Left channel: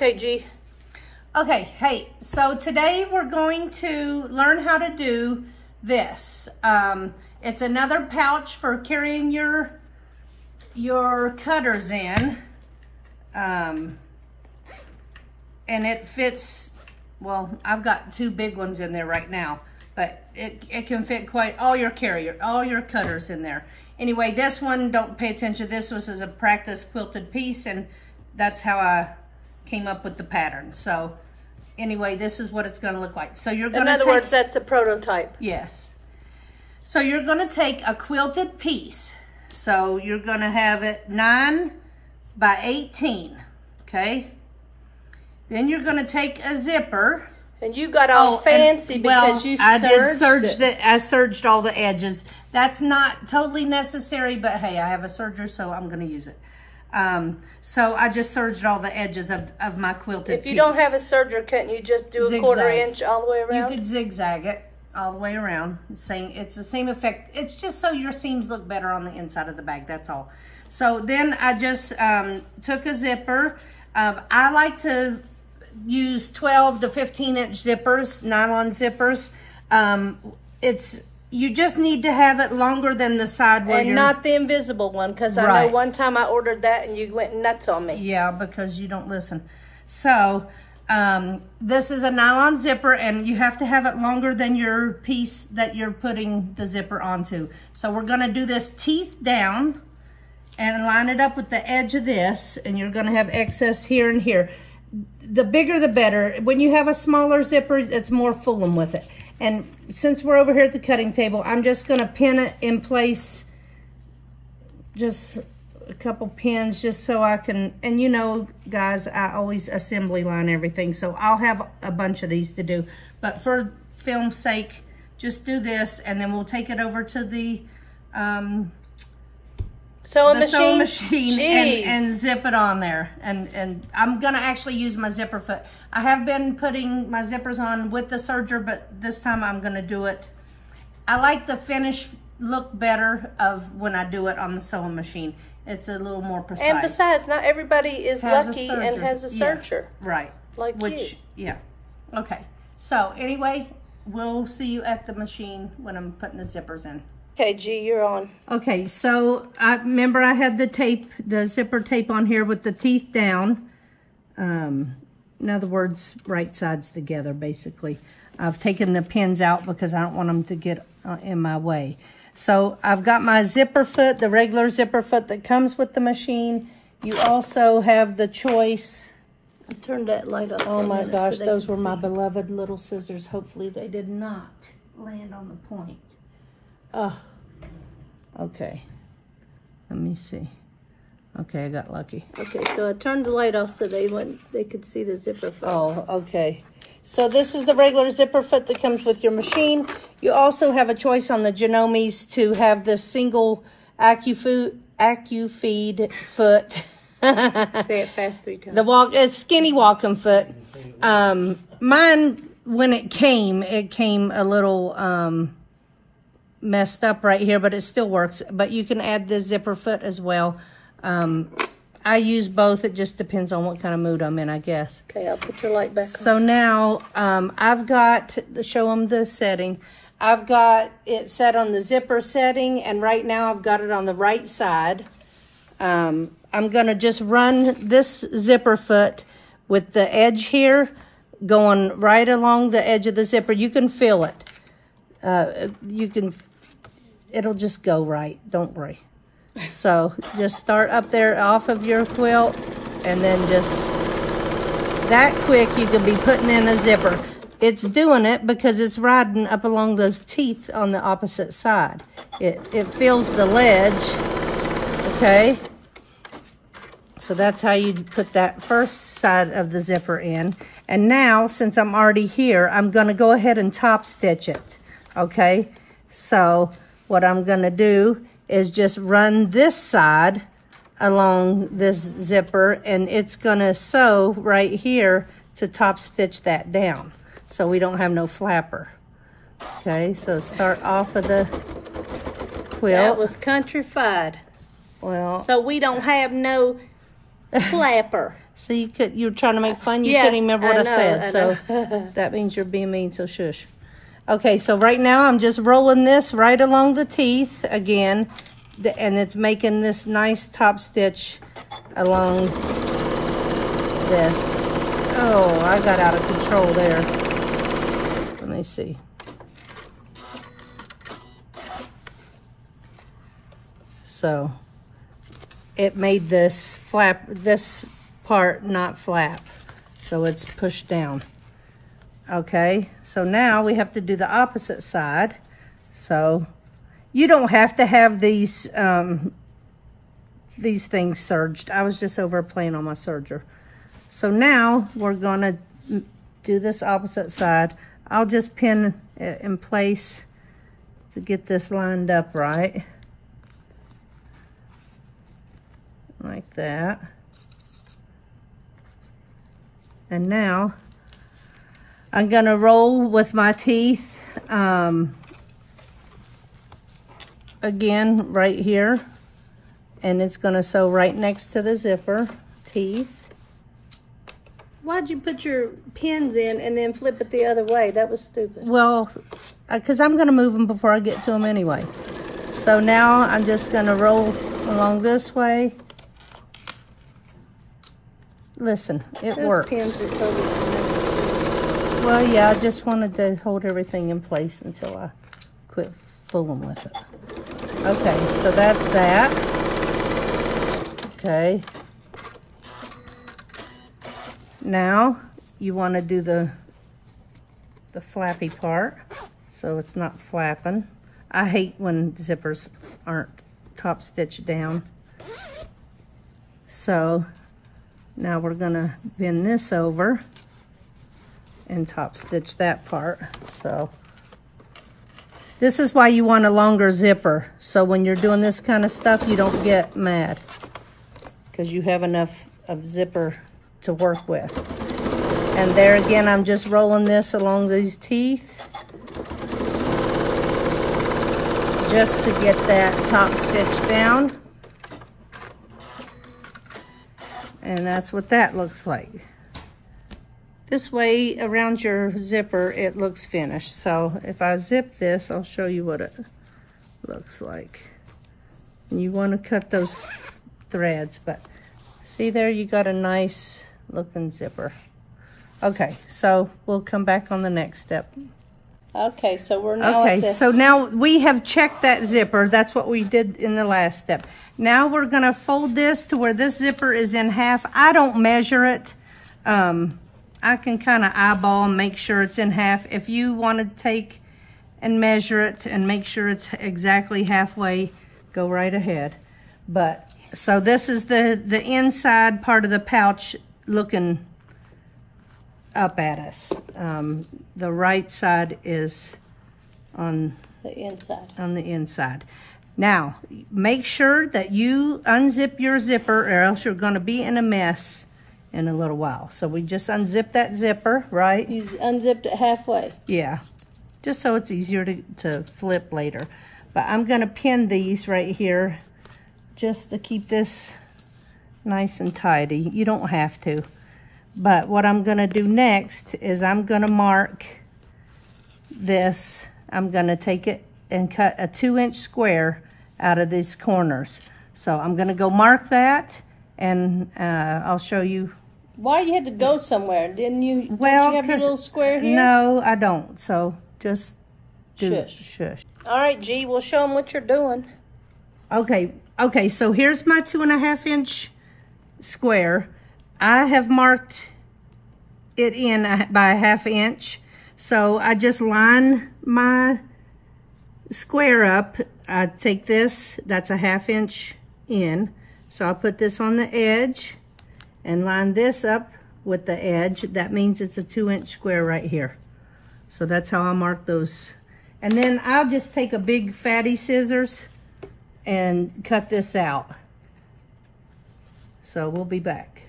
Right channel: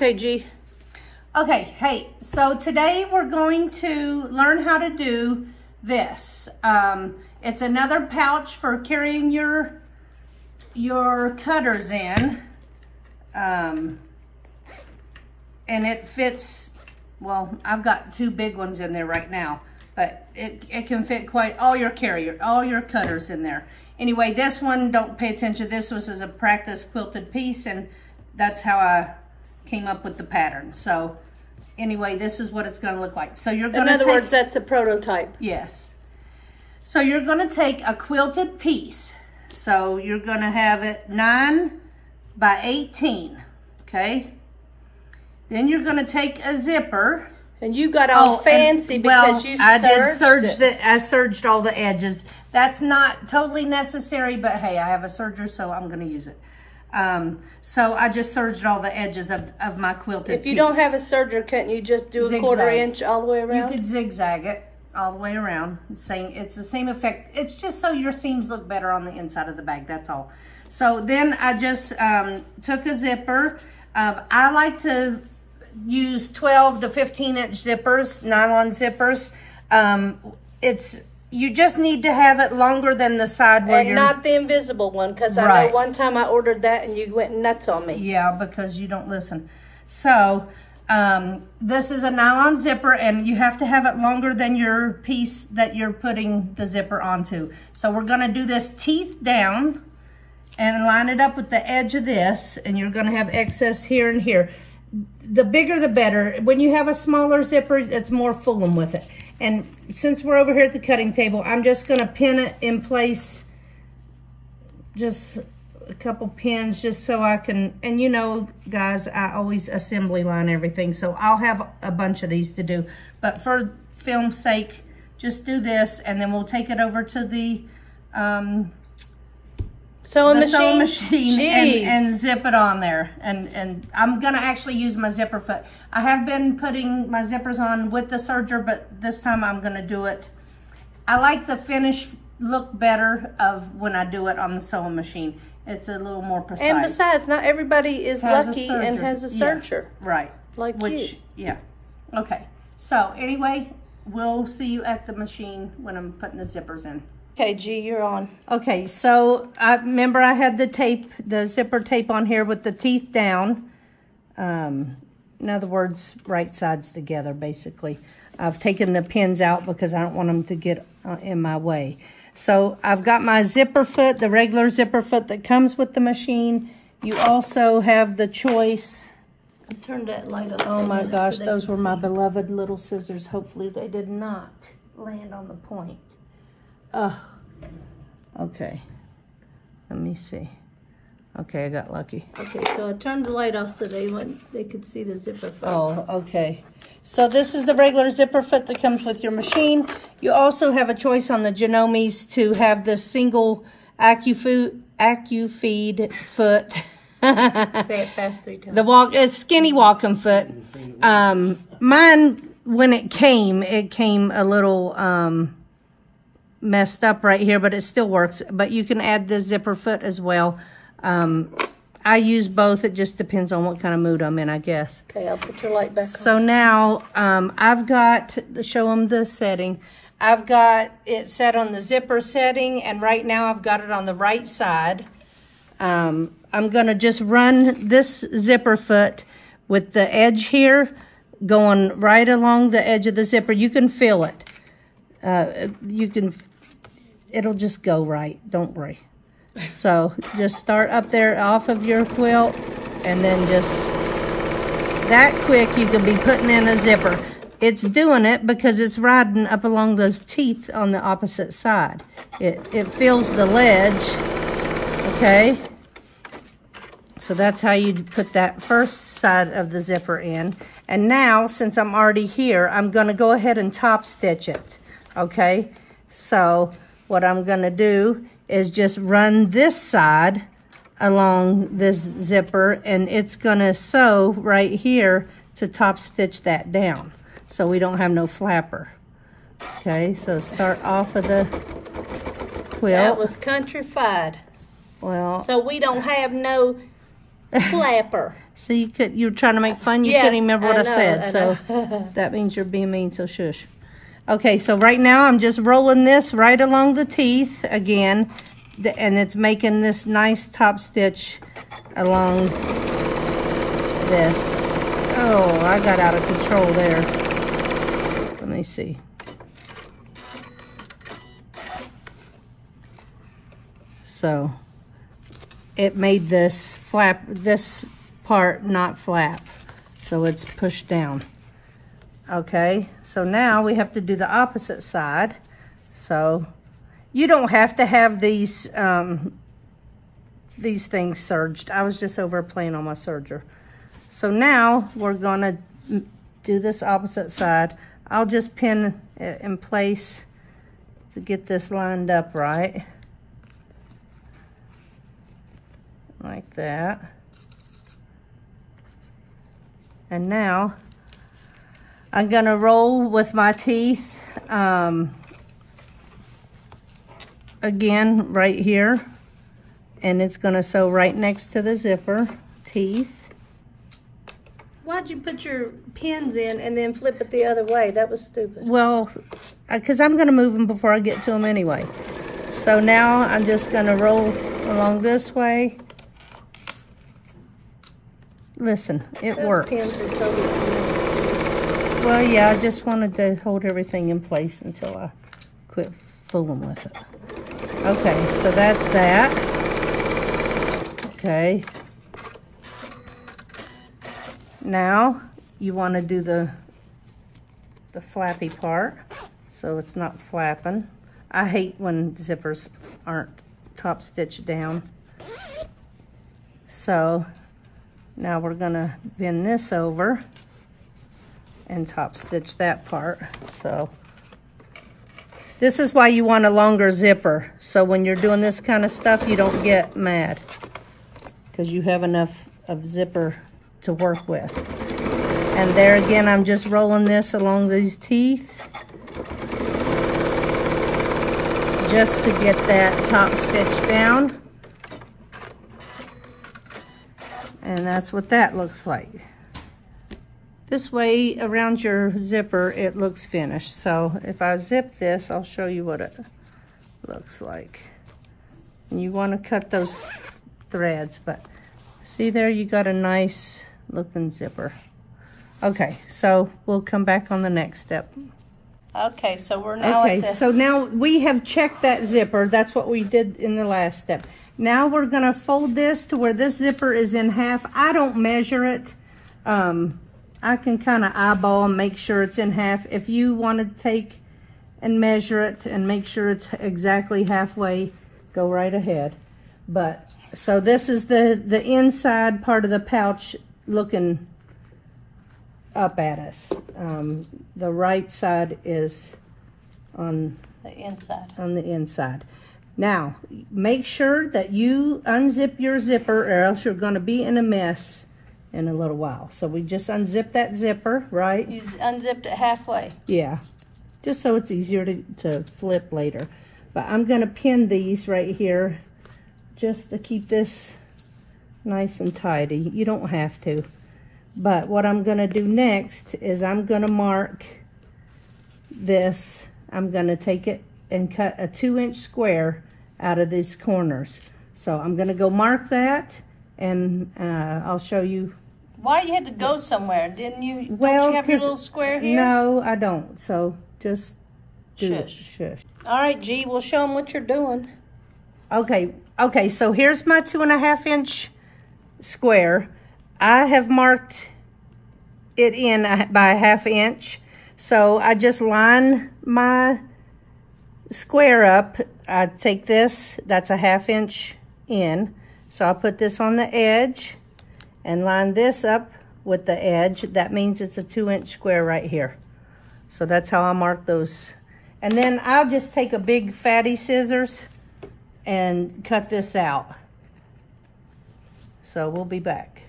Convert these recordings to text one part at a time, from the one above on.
Okay, G. Okay, hey, so today we're going to learn how to do this. It's another pouch for carrying your cutters in. And it fits, well, I've got two big ones in there right now, but it can fit quite all your cutters in there. Anyway, this one, don't pay attention. This was as a practice quilted piece, and that's how I came up with the pattern. So anyway, this is what it's going to look like. So you're going to In other words, that's a prototype. Yes. So you're going to take a quilted piece. So you're going to have it 9 by 18. Okay. Then you're going to take a zipper. And you got all fancy because you serged it. I serged all the edges. That's not totally necessary, but hey, I have a serger, so I'm going to use it. So I just serged all the edges of my quilted piece. If you don't have a serger, can't you just do a 1/4 inch all the way around? You could zigzag it all the way around. It's the same effect. It's just so your seams look better on the inside of the bag, that's all. So then I just took a zipper. I like to use 12 to 15 inch zippers, nylon zippers. You just need to have it longer than the side where you're... And not the invisible one, because I know one time I ordered that and you went nuts on me. Yeah, because you don't listen. So, this is a nylon zipper, and you have to have it longer than your piece that you're putting the zipper onto. So we're going to do this teeth down and line it up with the edge of this, and you're going to have excess here and here. The bigger the better. When you have a smaller zipper, it's more fooling with it. And since we're over here at the cutting table, I'm just going to pin it in place, just a couple pins, just so I can, and you know, guys, I always assembly line everything, so I'll have a bunch of these to do. But for film's sake, just do this, and then we'll take it over to the sewing machine and zip it on there. And I'm gonna actually use my zipper foot. I have been putting my zippers on with the serger, but this time I'm gonna do it. I like the finish look better of when I do it on the sewing machine. It's a little more precise. And besides, not everybody is lucky and has a serger. Yeah, right. Like you. Yeah. Okay. So anyway, we'll see you at the machine when I'm putting the zippers in. Okay, G, you're on. Okay, so remember I had the zipper tape on here with the teeth down. In other words, right sides together, basically. I've taken the pins out because I don't want them to get in my way. So I've got my zipper foot, the regular zipper foot that comes with the machine. You also have the choice. I turned that light off. Oh my gosh, those were my beloved little scissors. Hopefully they did not land on the point. Oh, okay. Let me see. Okay, I got lucky. Okay, so I turned the light off so they could see the zipper foot. Oh, okay. So this is the regular zipper foot that comes with your machine. You also have a choice on the Genomes to have the single AccuFeed foot. Say it fast 3 times. It's skinny walking foot. Mine, when it came a little messed up right here, but it still works. But you can add the zipper foot as well. I use both. It just depends on what kind of mood I'm in, I guess. Okay, I'll put your light back on. So now I've got, show them the setting. I've got it set on the zipper setting, and right now I've got it on the right side. I'm gonna just run this zipper foot with the edge here going right along the edge of the zipper. You can feel it. It'll just go right, don't worry. So just start up there off of your quilt, and then just that quick you can be putting in a zipper. It's doing it because it's riding up along those teeth on the opposite side. It feels the ledge, okay? So that's how you put that first side of the zipper in. And now, since I'm already here, I'm gonna go ahead and top stitch it, okay? So what I'm gonna do is just run this side along this zipper, and it's gonna sew right here to top stitch that down so we don't have no flapper. Okay, so start off of the quilt. That was countrified. Well, so we don't have no Flapper. See, you're trying to make fun. You can't even remember what I said. So that means you're being mean, so shush. Okay, so right now I'm just rolling this right along the teeth again. And it's making this nice top stitch along this. Oh, I got out of control there. Let me see. So it made this flap, this part not flap. So it's pushed down. Okay, so now we have to do the opposite side. So you don't have to have these things serged. I was just over playing on my serger. So now we're gonna do this opposite side. I'll just pin it in place to get this lined up right. Like that. And now I'm gonna roll with my teeth again right here, and it's gonna sew right next to the zipper teeth. Why'd you put your pins in and then flip it the other way? That was stupid. Well, because I'm gonna move them before I get to them anyway. So now I'm just gonna roll along this way. Listen, it works. Well, yeah, I just wanted to hold everything in place until I quit fooling with it. Okay, so that's that. Okay. Now, you want to do the flappy part, so it's not flapping. I hate when zippers aren't top stitched down. So, now we're gonna bend this over and top stitch that part. So this is why you want a longer zipper. So when you're doing this kind of stuff, you don't get mad because you have enough of zipper to work with. And there again, I'm just rolling this along these teeth just to get that top stitch down. And that's what that looks like. This way, around your zipper, it looks finished. So if I zip this, I'll show you what it looks like. And you want to cut those threads, but see there, you got a nice looking zipper. Okay, so we'll come back on the next step. Okay, so we're now at the... so now we have checked that zipper. That's what we did in the last step. Now we're gonna fold this to where this zipper is in half. I don't measure it. I can kind of eyeball and make sure it's in half. If you want to take and measure it and make sure it's exactly halfway, go right ahead. But so this is the inside part of the pouch looking up at us. The right side is on the inside. On the inside. Now, make sure that you unzip your zipper or else you're going to be in a mess in a little while. So we just unzip that zipper, right? You unzipped it halfway. Yeah, just so it's easier to flip later. But I'm going to pin these right here just to keep this nice and tidy. You don't have to. But what I'm going to do next is I'm going to mark this. I'm going to take it and cut a 2-inch square out of these corners. So I'm going to go mark that, and I'll show you. Why you had to go somewhere? Didn't you? Well, don't you have your little square here? No, I don't. So just do it. Shush. All right, G, we'll show them what you're doing. Okay, so here's my 2.5-inch square. I have marked it in by a 1/2 inch. So I just line my square up. I take this, that's a 1/2 inch in. So I put this on the edge and line this up with the edge. That means it's a 2-inch square right here. So that's how I mark those. And then I'll just take a big fatty scissors and cut this out. So we'll be back.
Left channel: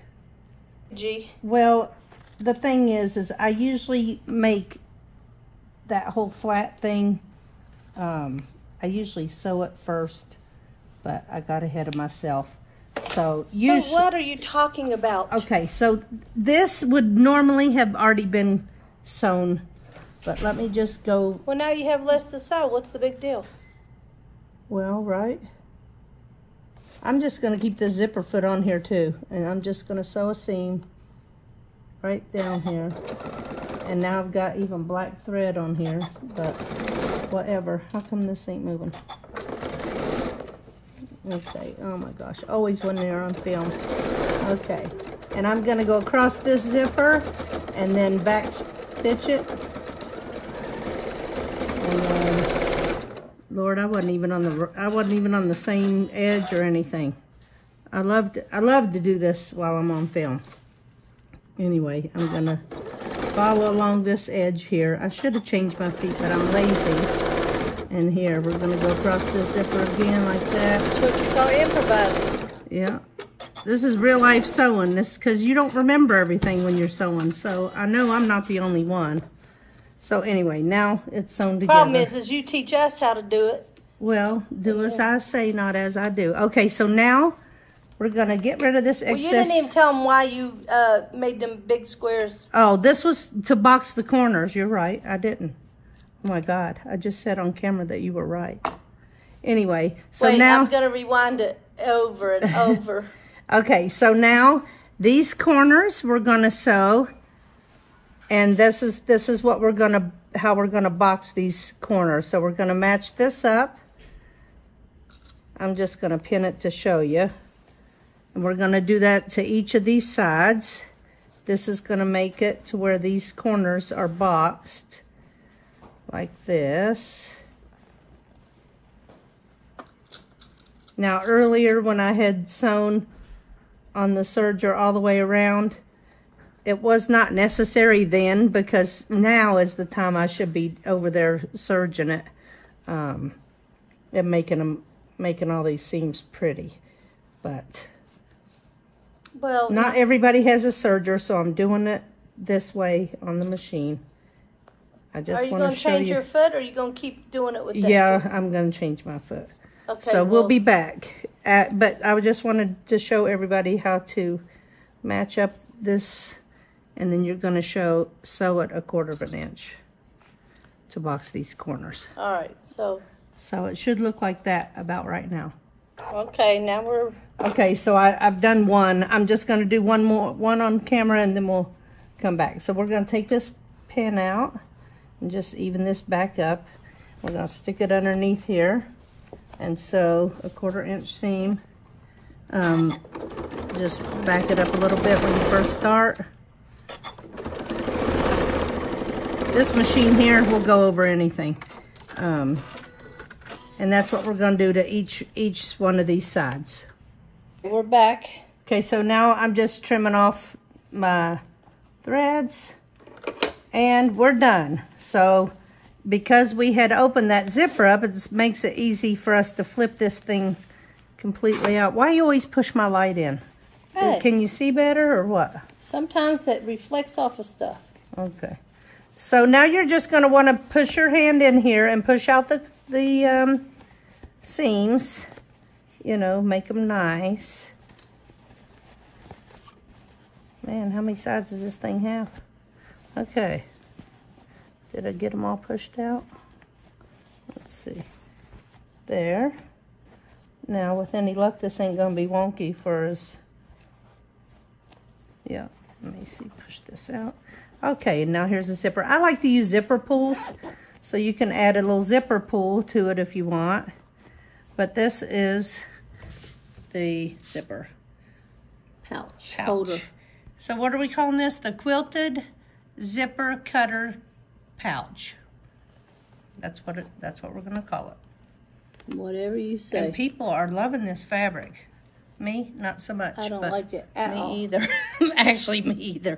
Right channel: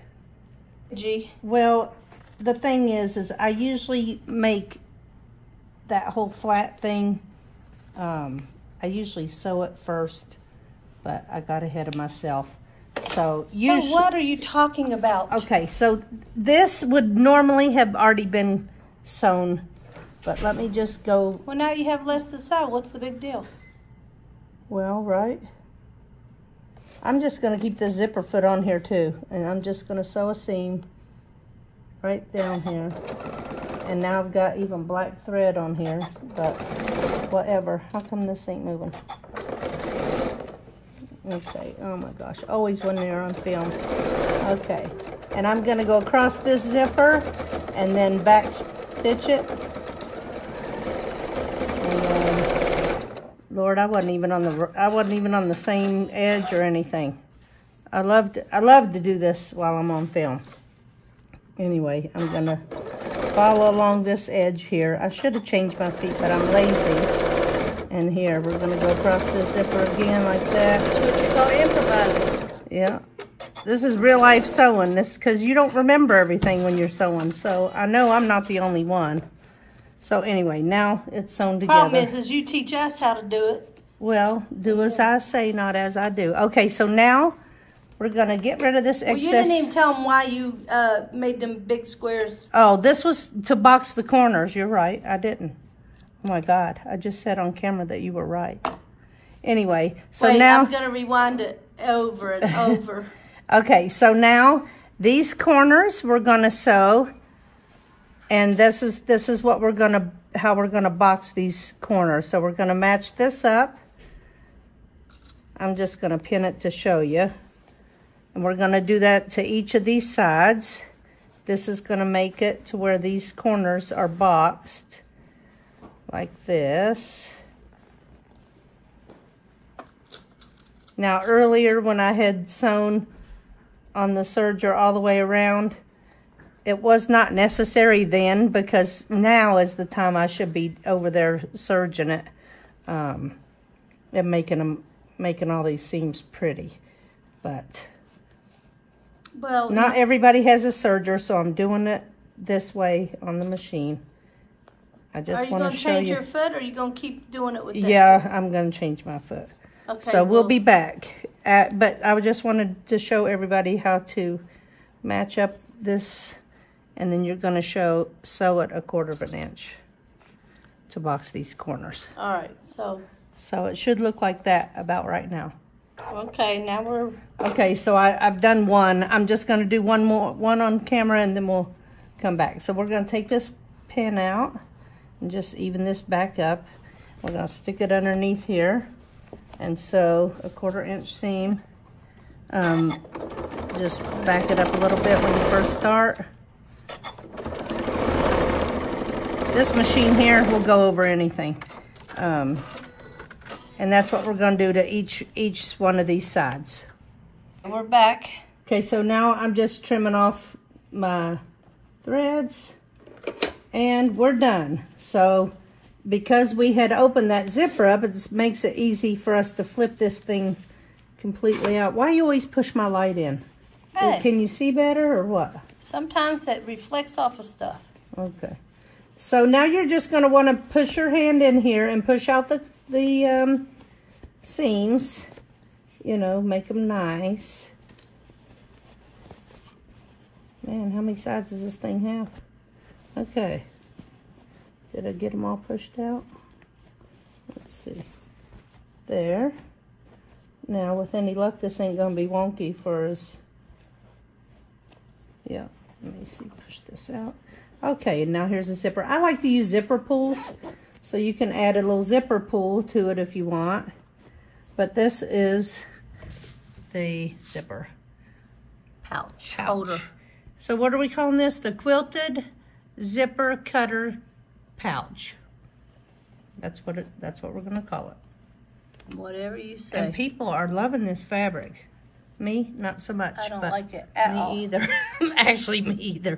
G. Well, the thing is I usually make that whole flat thing. I usually sew it first, but I got ahead of myself. So what are you talking about? Okay, so this would normally have already been sewn, but let me just go. Well, now you have less to sew. What's the big deal? Well, right. I'm just going to keep the zipper foot on here too, and I'm just going to sew a seam right down here. And now I've got even black thread on here, but whatever. How come this ain't moving? Okay, oh my gosh, always when they're on film. Okay, and I'm going to go across this zipper and then back stitch it. And then, Lord, I wasn't even on the same edge or anything. I love to do this while I'm on film. Anyway, I'm going to follow along this edge here. I should have changed my feet, but I'm lazy. And here, we're going to go across this zipper again like that. Yeah. This is real life sewing. This because you don't remember everything when you're sewing. So I know I'm not the only one. So anyway, now it's sewn together. Problem is you teach us how to do it. Well, do as I say, not as I do. Okay, so now we're going to get rid of this excess. Well, you didn't even tell them why you made them big squares. Oh, this was to box the corners. You're right. I didn't. Oh my God. I just said on camera that you were right. Anyway, so wait, now I'm going to rewind it over and over. Okay, so now these corners we're going to sew, and this is what we're going to, how we're going to box these corners. So we're going to match this up. I'm just going to pin it to show you. And we're going to do that to each of these sides. This is going to make it to where these corners are boxed like this. Now earlier when I had sewn on the serger all the way around, it was not necessary then, because now is the time I should be over there serging it and making all these seams pretty. But well, not everybody has a serger, so I'm doing it this way on the machine. I just want to show you. Are you going to change your foot, or are you going to keep doing it with that? Yeah, I'm going to change my foot. Okay, so we'll be back. But I just wanted to show everybody how to match up this, and then you're going to sew it 1/4 inch to box these corners. All right, so it should look like that about right now. Okay, now we're... Okay, so I've done one. I'm just going to do one on camera, and then we'll come back. So we're going to take this pin out and just even this back up. We're going to stick it underneath here and sew 1/4 inch seam. Just back it up a little bit when you first start. This machine here will go over anything. And that's what we're going to do to each one of these sides. We're back. Okay, so now I'm just trimming off my threads, and we're done. So because we had opened that zipper up, it makes it easy for us to flip this thing completely out. Why do you always push my light in? Hey. Can you see better or what? Sometimes that reflects off of stuff. Okay. So now you're just going to want to push your hand in here and push out the seams. You know, make them nice. Man, how many sides does this thing have? Okay. Did I get them all pushed out? Let's see. There. Now, with any luck, this ain't going to be wonky for us. Yeah, let me see. Push this out. Okay, and now here's the zipper. I like to use zipper pulls, so you can add a little zipper pull to it if you want. But this is the zipper pouch holder. So what are we calling this? The Quilted Zipper Cutter Pouch. That's what we're going to call it. Whatever you say. And people are loving this fabric. Me, not so much. I don't like it at all. Me either. Actually, me either.